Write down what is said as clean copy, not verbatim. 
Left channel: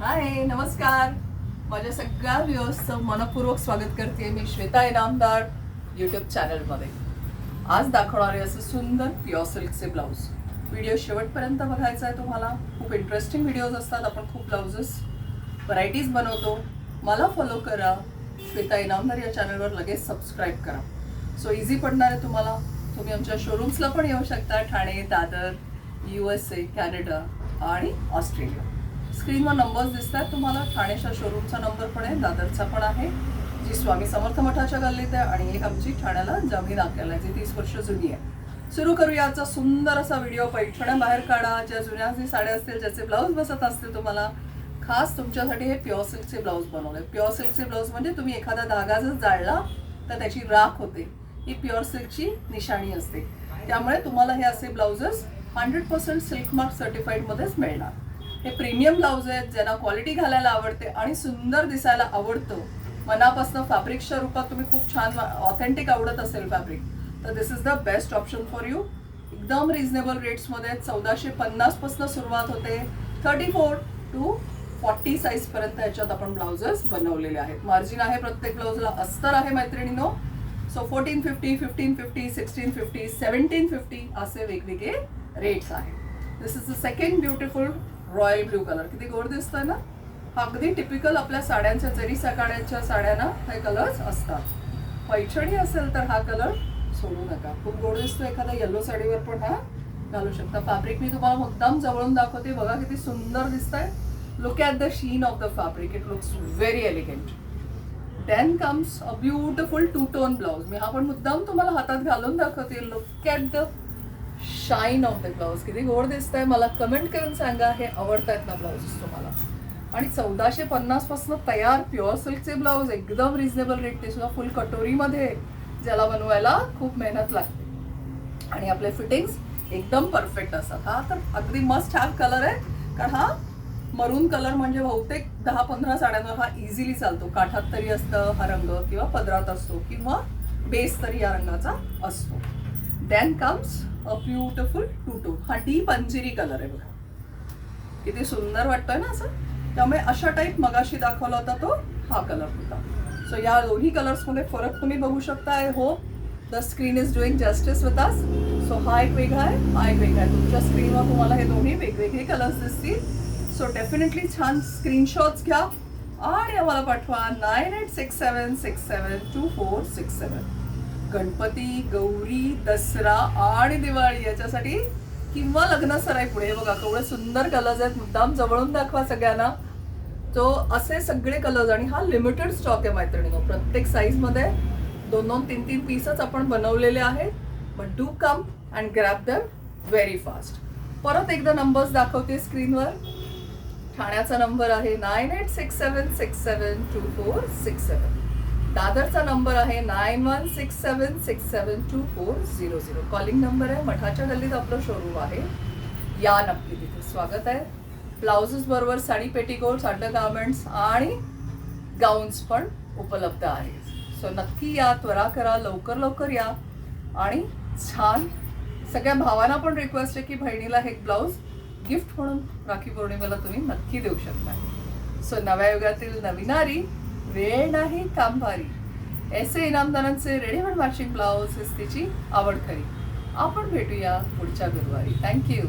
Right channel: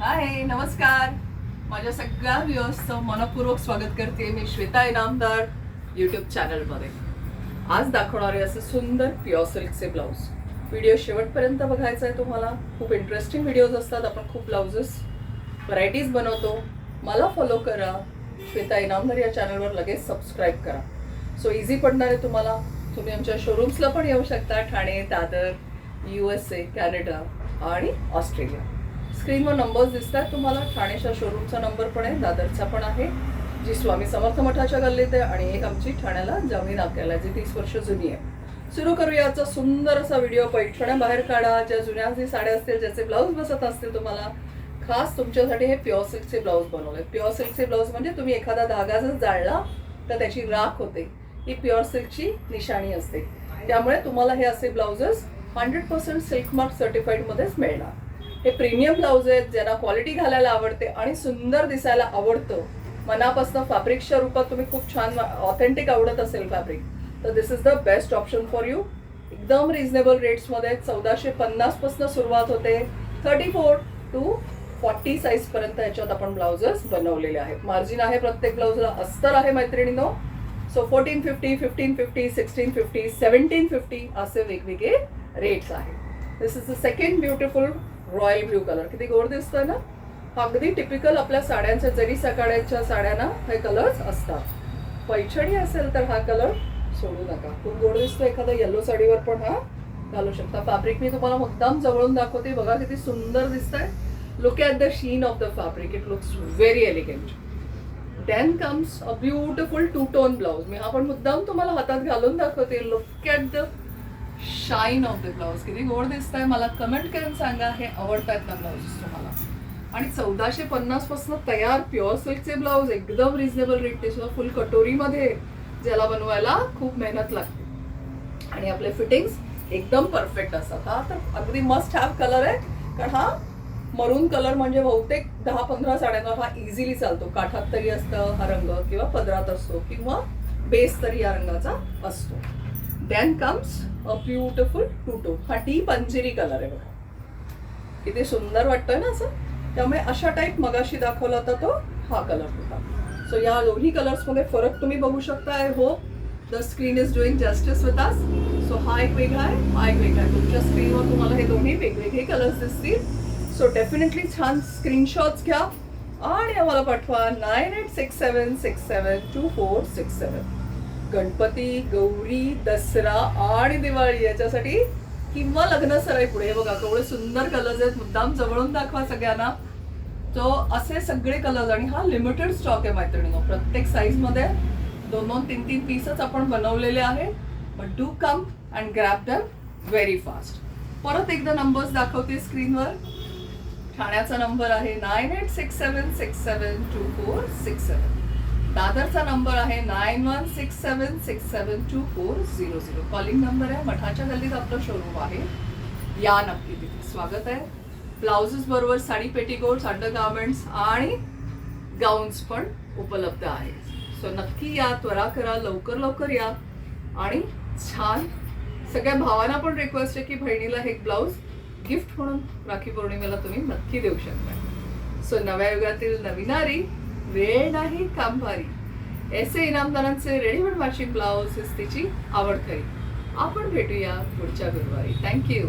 हाय, नमस्कार. माझ्या सगळ्या व्ह्यूअर्सचं मनपूर्वक स्वागत करते मी श्वेता इनामदार यूट्यूब चॅनलमध्ये. आज दाखवणारे असे सुंदर प्युअर सिल्कचे ब्लाऊज. व्हिडिओ शेवटपर्यंत बघायचा आहे तुम्हाला. खूप इंटरेस्टिंग व्हिडिओज असतात. आपण खूप ब्लाउजेस व्हरायटीज बनवतो. मला फॉलो करा. श्वेता इनामदार या चॅनलवर लगेच सबस्क्राईब करा. सो इझी पडणार आहे तुम्हाला. तुम्ही आमच्या शोरूम्सला पण येऊ शकता. ठाणे, दादर, USA, कॅनडा आणि ऑस्ट्रेलिया. स्क्रीनवर नंबर्स दिसतात तुम्हाला. ठाण्याच्या शोरूमचा नंबर पण आहे, दादरचा पण आहे, जी स्वामी समर्थ मठाच्या गल्लीत आहे, आणि एक आमची ठाण्याला जमीन आपल्याला जी 30 वर्ष जुनी आहे. सुरू करूया आजचा सुंदर असा व्हिडिओ. पैठण्या बाहेर काढा. ज्या जुन्या जी साड्या असतील, ज्याचे ब्लाऊज बसत असतील तुम्हाला, खास तुमच्यासाठी हे प्युअर सिल्कचे ब्लाऊज बनवले. प्युअर सिल्कचे ब्लाऊज म्हणजे तुम्ही एखादा धागा जर जाळला तर त्याची राख होते. ही प्युअर सिल्कची निशाणी असते. त्यामुळे तुम्हाला हे असे ब्लाउजेस 100% सिल्क मार्क सर्टिफाईडमध्येच मिळणार. हे प्रीमियम ब्लाऊज आहेत, ज्यांना क्वालिटी घालायला आवडते आणि सुंदर दिसायला आवडतं. मनापासून फॅब्रिकच्या रूपात तुम्ही खूप छान ऑथेंटिक आवडत असेल फॅब्रिक, तर this is the best option for you. एकदम रिझनेबल रेट्समध्ये 1450 पासून सुरुवात होते. 34 to 40 साईजपर्यंत याच्यात आपण ब्लाउजेस बनवलेले आहेत. मार्जिन आहे प्रत्येक ब्लाऊजला. अस्तर आहे मैत्रिणींनो. सो 1450, 1550, 1650, 1750 असे वेगवेगळे रेट्स आहेत. This is the second beautiful royal blue colour. किती गोड दिसतोय ना. अगदी टिपिकल आपल्या साड्यांच्या, जरी सकाळच्या साड्यांना हे कलर्स असतात. पैठणी असेल तर हा कलर सोडू नका. खूप गोड दिसतो. एखाद्या येलो साडीवर पण हा घालू शकता. फॅब्रिक मी तुम्हाला मुद्दाम जवळून दाखवते. बघा किती सुंदर दिसतंय. Look at the sheen of the fabric. It looks very elegant. Then comes a beautiful two tone blouse. मी हा पण मुद्दाम तुम्हाला हातात घालून दाखवते. Look at the shine of the blouse. किती गोड दिसतंय. मला कमेंट करून सांगा हे आवडतायत ना ब्लाऊजेस तुम्हाला. आणि 1450 पासून तयार प्युअर सिल्कचे ब्लाऊज एकदम रिझनेबल रेट. ते सुद्धा फुल कटोरीमध्ये, ज्याला बनवायला खूप मेहनत लागते. आणि आपले फिटिंग्स एकदम परफेक्ट असतात. हा तर अगदी मस्ट हॅव कलर आहे. कारण हा मरून कलर म्हणजे बहुतेक 10-15 साड्यांवर हा इझिली चालतो. काठात तरी असतं हा रंग, किंवा पदरात असतो, किंवा बेस तरी या रंगाचा असतो. Then comes a beautiful two tone. हा डीप अंजिरी कलर आहे बघा. किती सुंदर वाटतोय ना असं. त्यामुळे अशा टाईप मगाशी दाखवला होता तो हा कलर होता. सो या दोन्ही कलर्समध्ये फरक तुम्ही बघू शकता. I hope the screen is doing justice with us. So हा एक वेगळा आहे, हा एक वेगळा आहे. तुमच्या स्क्रीनवर तुम्हाला हे दोन्ही वेगवेगळे कलर्स दिसतील. सो डेफिनेटली छान स्क्रीनशॉट्स घ्या आणि आम्हाला पाठवा 9867672467. गणपती, गौरी, दसरा आणि दिवाळी याच्यासाठी, किंवा लग्न सराई पुढे. बघा केवढे सुंदर कलर्स आहेत. मुद्दाम जवळून दाखवा सगळ्यांना. तो असे सगळे कलर्स. आणि हा लिमिटेड स्टॉक आहे मैत्रिणींनो. प्रत्येक साईजमध्ये 2-2, 3-3 पीसच आपण बनवलेले आहेत. But do come and grab them very fast. परत एकदा नंबर्स दाखवते स्क्रीनवर. ठाण्याचा नंबर आहे 9867672467. दादरचा नंबर आहे 9167672400. कॉलिंग नंबर आहे. मठाच्या गल्लीत आपलं शोरूम आहे. या नक्की, तिथे स्वागत आहे. ब्लाउजेस बरोबर साडी, पेटीकोट्स, अंडर गार्मेंट्स आणि गाऊन्स पण उपलब्ध आहेत. सो नक्की या, त्वरा करा, लवकर लवकर या. आणि छान सगळ्या भावांना पण रिक्वेस्ट आहे की बहिणीला हे ब्लाऊज गिफ्ट म्हणून राखी पौर्णिमेला तुम्ही नक्की देऊ शकता. सो नव्या युगातील नवीनारी, वेळ नाही काम भारी. ऐसे इनामदारांचे रेडीमेड मॅचिंग ब्लाऊज तिची आवड खरी. आपण भेटूया पुढच्या गुरुवारी. थँक्यू.